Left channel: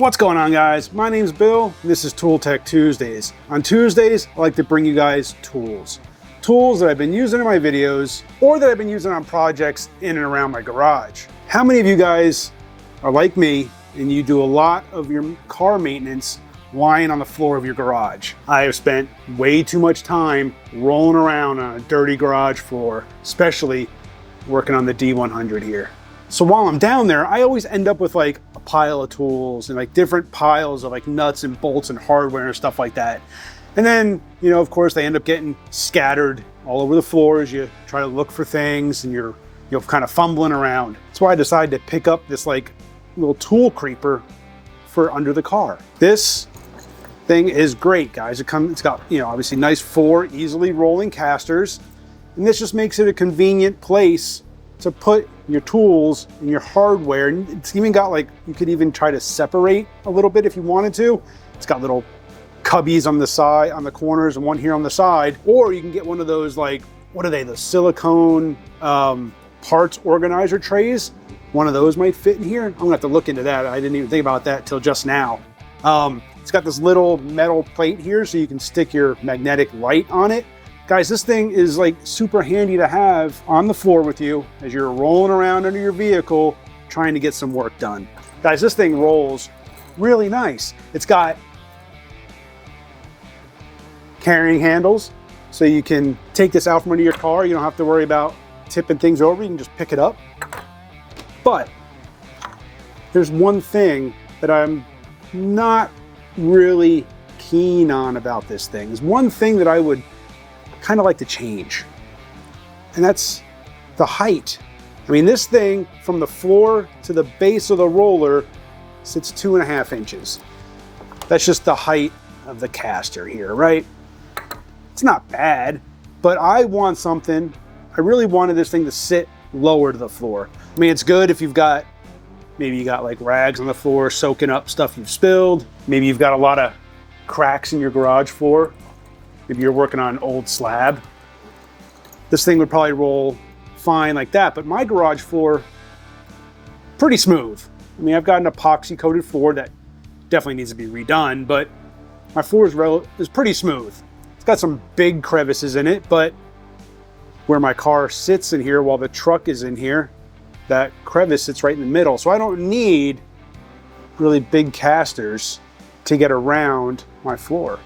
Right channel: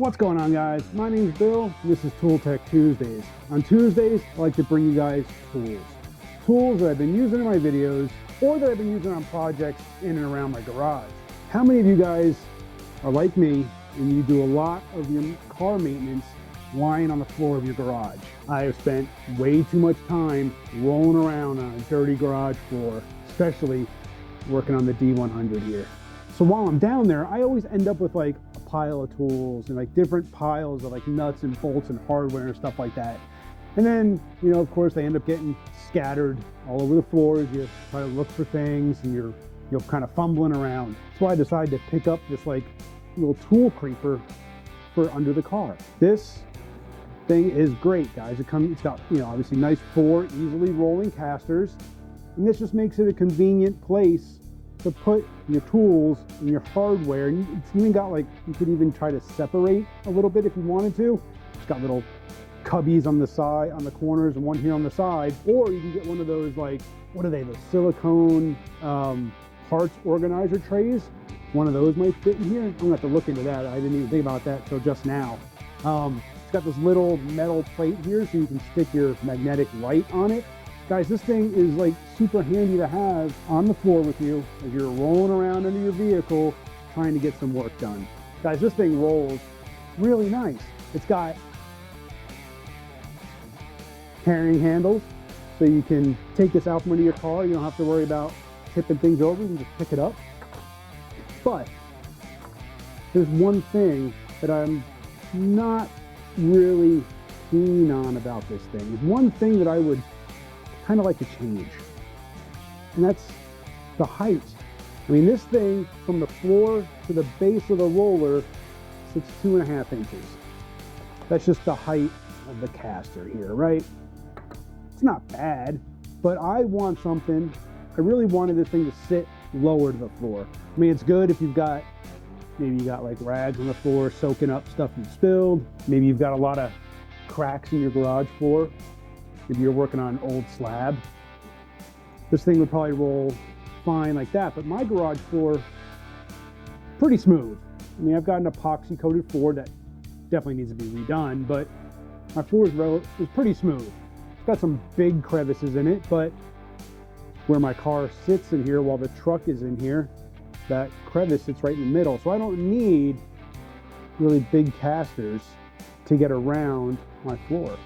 What's going on, guys? My name's Bill, and this is Tool Tech Tuesdays. On Tuesdays, I like to bring you guys tools. Tools that I've been using in my videos or that I've been using on projects in and around my garage. How many of you guys are like me and you do a lot of your car maintenance lying on the floor of your garage? I have spent way too much time rolling around on a dirty garage floor, especially working on the D100 here. So while I'm down there, I always end up with like a pile of tools and like different piles of like nuts and bolts and hardware and stuff like that. And then, you know, of course, they end up getting scattered all over the floor as you try to look for things and you're kind of fumbling around. That's why I decided to pick up this like little tool creeper for under the car. This thing is great, guys. It's got, you know, obviously nice 4 easily rolling casters. And this just makes it a convenient place to put your tools and your hardware. And it's even got like, you could even try to separate a little bit if you wanted to. It's got little cubbies on the side, on the corners, and one here on the side. Or you can get one of those like, what are they, the silicone parts organizer trays. One of those might fit in here. I'm gonna have to look into that. I didn't even think about that till just now. It's got this little metal plate here so you can stick your magnetic light on it. Guys, this thing is like super handy to have on the floor with you as you're rolling around under your vehicle trying to get some work done. Guys, this thing rolls really nice. It's got carrying handles so you can take this out from under your car. You don't have to worry about tipping things over. You can just pick it up. But there's one thing that I'm not really keen on about this thing. There's one thing that I would kind of like to change, and that's the height. I mean, this thing from the floor to the base of the roller sits 2.5 inches. That's just the height of the caster here, right? It's not bad, but I want something, I really wanted this thing to sit lower to the floor. I mean, it's good if you've got, maybe you got like rags on the floor soaking up stuff you've spilled. Maybe you've got a lot of cracks in your garage floor. Maybe you're working on an old slab. This thing would probably roll fine like that, but my garage floor, pretty smooth. I mean, I've got an epoxy coated floor that definitely needs to be redone, but my floor is pretty smooth. It's got some big crevices in it, but where my car sits in here while the truck is in here, that crevice sits right in the middle. So I don't need really big casters to get around my floor.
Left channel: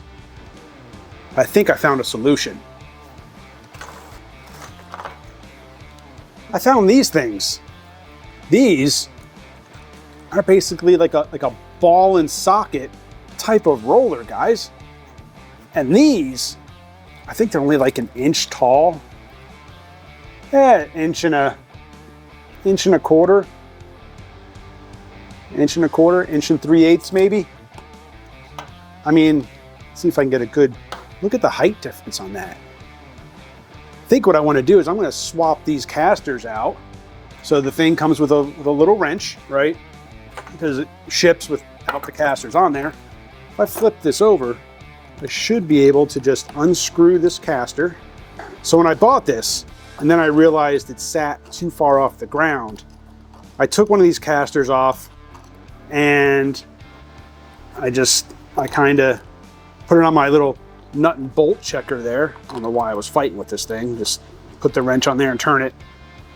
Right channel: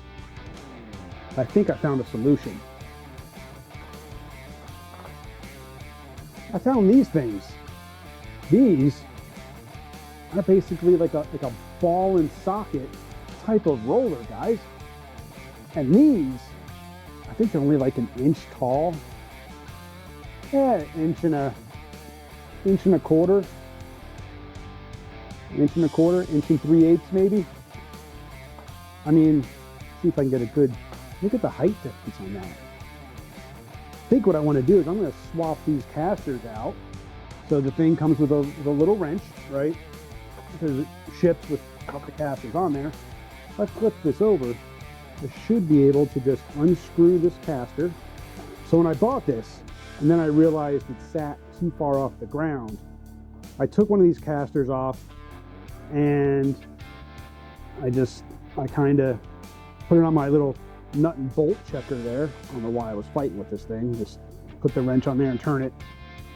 I think I found a solution. I found these things. These are basically like a ball and socket type of roller, guys. And these, I think they're only like 1 inch tall. Yeah, inch and a quarter, 1 3/8 maybe. I mean, see if I can get a good look at the height difference on that. I think what I want to do is I'm going to swap these casters out. So the thing comes with a little wrench, right? Because it ships without the casters on there. If I flip this over, I should be able to just unscrew this caster. So when I bought this, and then I realized it sat too far off the ground, I took one of these casters off and I kind of put it on my little nut and bolt checker there. I don't know why I was fighting with this thing. Just put the wrench on there and turn it.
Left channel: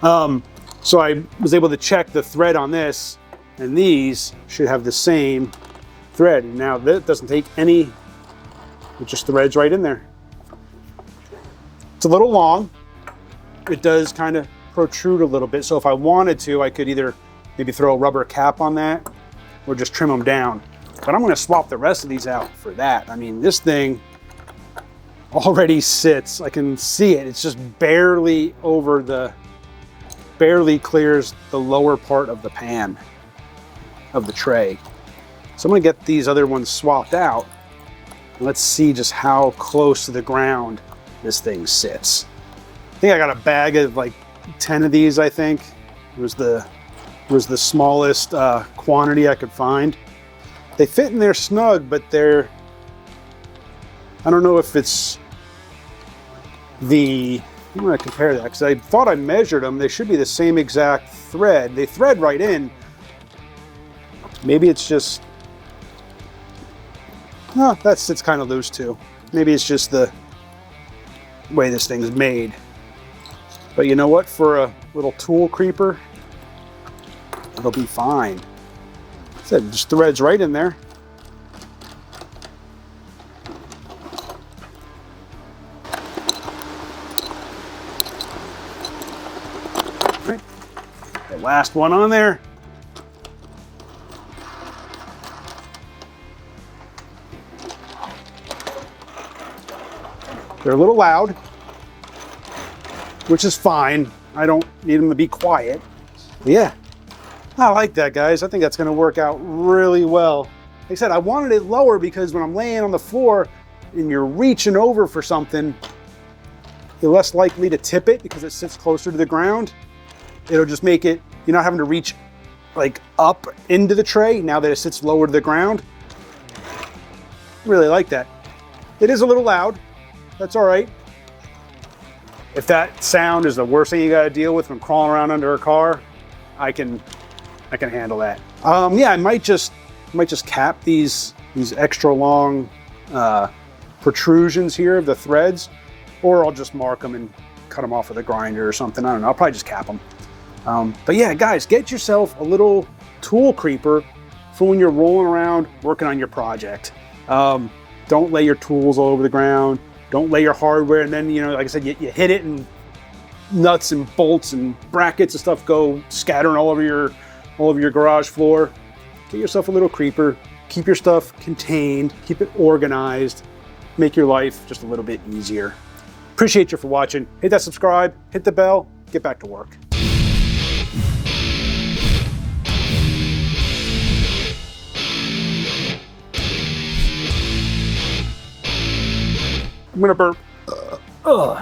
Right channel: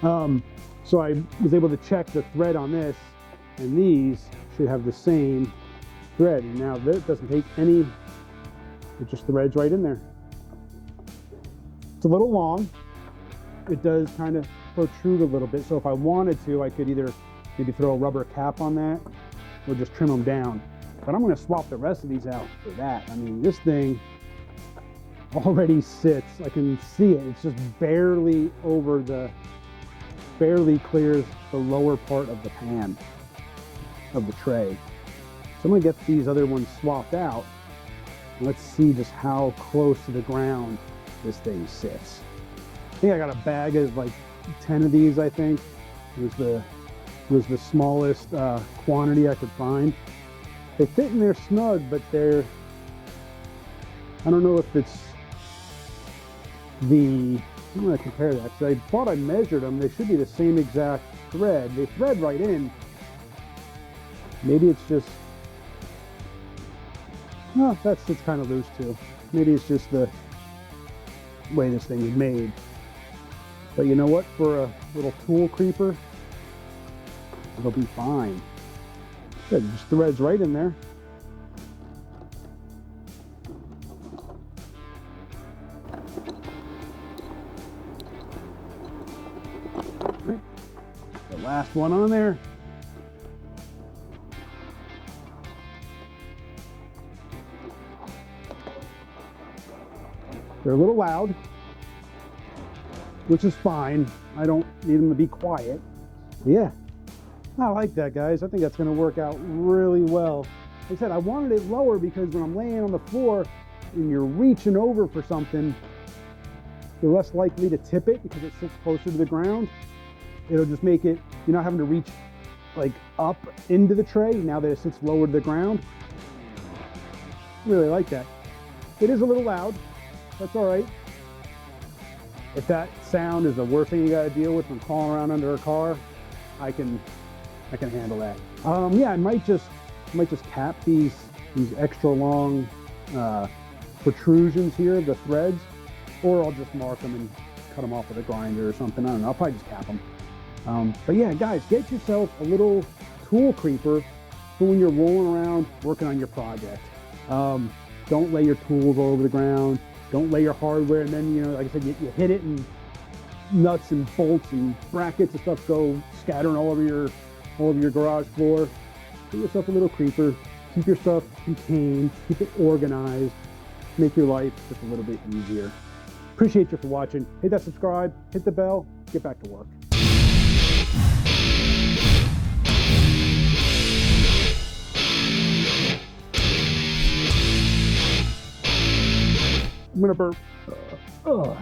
So I was able to check the thread on this, and these should have the same thread. And now that doesn't take any, it just threads right in there. It's a little long. It does kind of protrude a little bit. So if I wanted to, I could either maybe throw a rubber cap on that or just trim them down. But I'm going to swap the rest of these out for that. I mean, this thing already sits, I can see it. It's just barely clears the lower part of the pan of the tray. So I'm going to get these other ones swapped out. Let's see just how close to the ground this thing sits. I think I got a bag of like 10 of these, I think. It was the smallest quantity I could find. They fit in there snug, but I don't know if it's I'm going to compare that because I thought I measured them. They should be the same exact thread. They thread right in. Maybe it's just Oh, that sits kind of loose too. Maybe it's just the way this thing's made. But you know what? For a little tool creeper, it'll be fine. It just threads right in there. Right. The last one on there. They're a little loud, which is fine. I don't need them to be quiet. But yeah, I like that, guys. I think that's gonna work out really well. Like I said, I wanted it lower because when I'm laying on the floor and you're reaching over for something, you're less likely to tip it because it sits closer to the ground. It'll just make it, you're not having to reach like up into the tray now that it sits lower to the ground. Really like that. It is a little loud. That's all right. If that sound is the worst thing you got to deal with when crawling around under a car, I can handle that. Yeah, I might just cap these extra long protrusions here of the threads, or I'll just mark them and cut them off with a grinder or something. I don't know. I'll probably just cap them. But yeah, guys, get yourself a little tool creeper for when you're rolling around working on your project. Don't lay your tools all over the ground. Don't lay your hardware, and then, you know, like I said, you hit it and nuts and bolts and brackets and stuff go scattering all over your garage floor. Get yourself a little creeper. Keep your stuff contained. Keep it organized. Make your life just a little bit easier. Appreciate you for watching. Hit that subscribe, hit the bell, get back to work. I'm gonna burp. Ugh.